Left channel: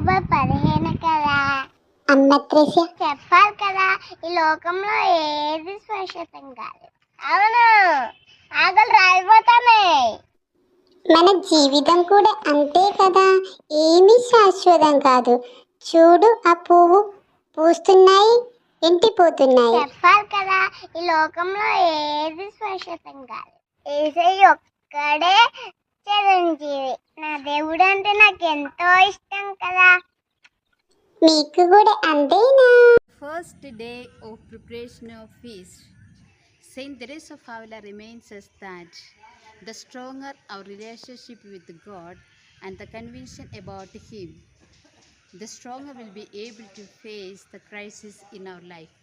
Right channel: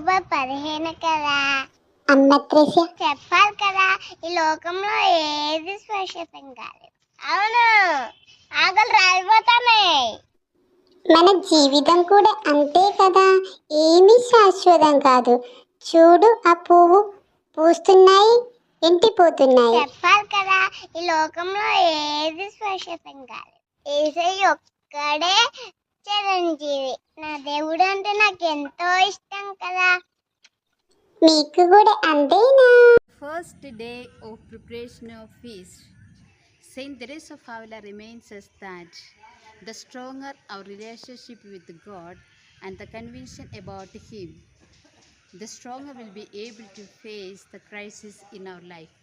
October 15 కదా. అమ్మ త్రిష చెప్పాలి కదా, ఈ లోకంలో ఏది శాశ్వతం కాదు. అవును, ఆకలి రాలిపోతున్నాయి. మన జీవితం కూడా అంతే కదా, ఏమీ శాశ్వతం కాదు. చూడు, ఆ పువ్వు పూస్తున్నాయి, ఎండిపోతున్నాయి. చెప్పాలి కదా, ఈ లోకంలో ఏది శాశ్వతం కాదు. యేసయ్య ఒక్కడే చిరంజీవి. నా దేవుడు అంటే నాకు ఎంతో ఇష్టం కదా. మీకు కూడా అంతేనా? First day of preparation of feast, Saint Teresa of Avila reminds us that the stronger our relationship with God and the conviction about Him, the stronger we'll be able to face the crisis in our life.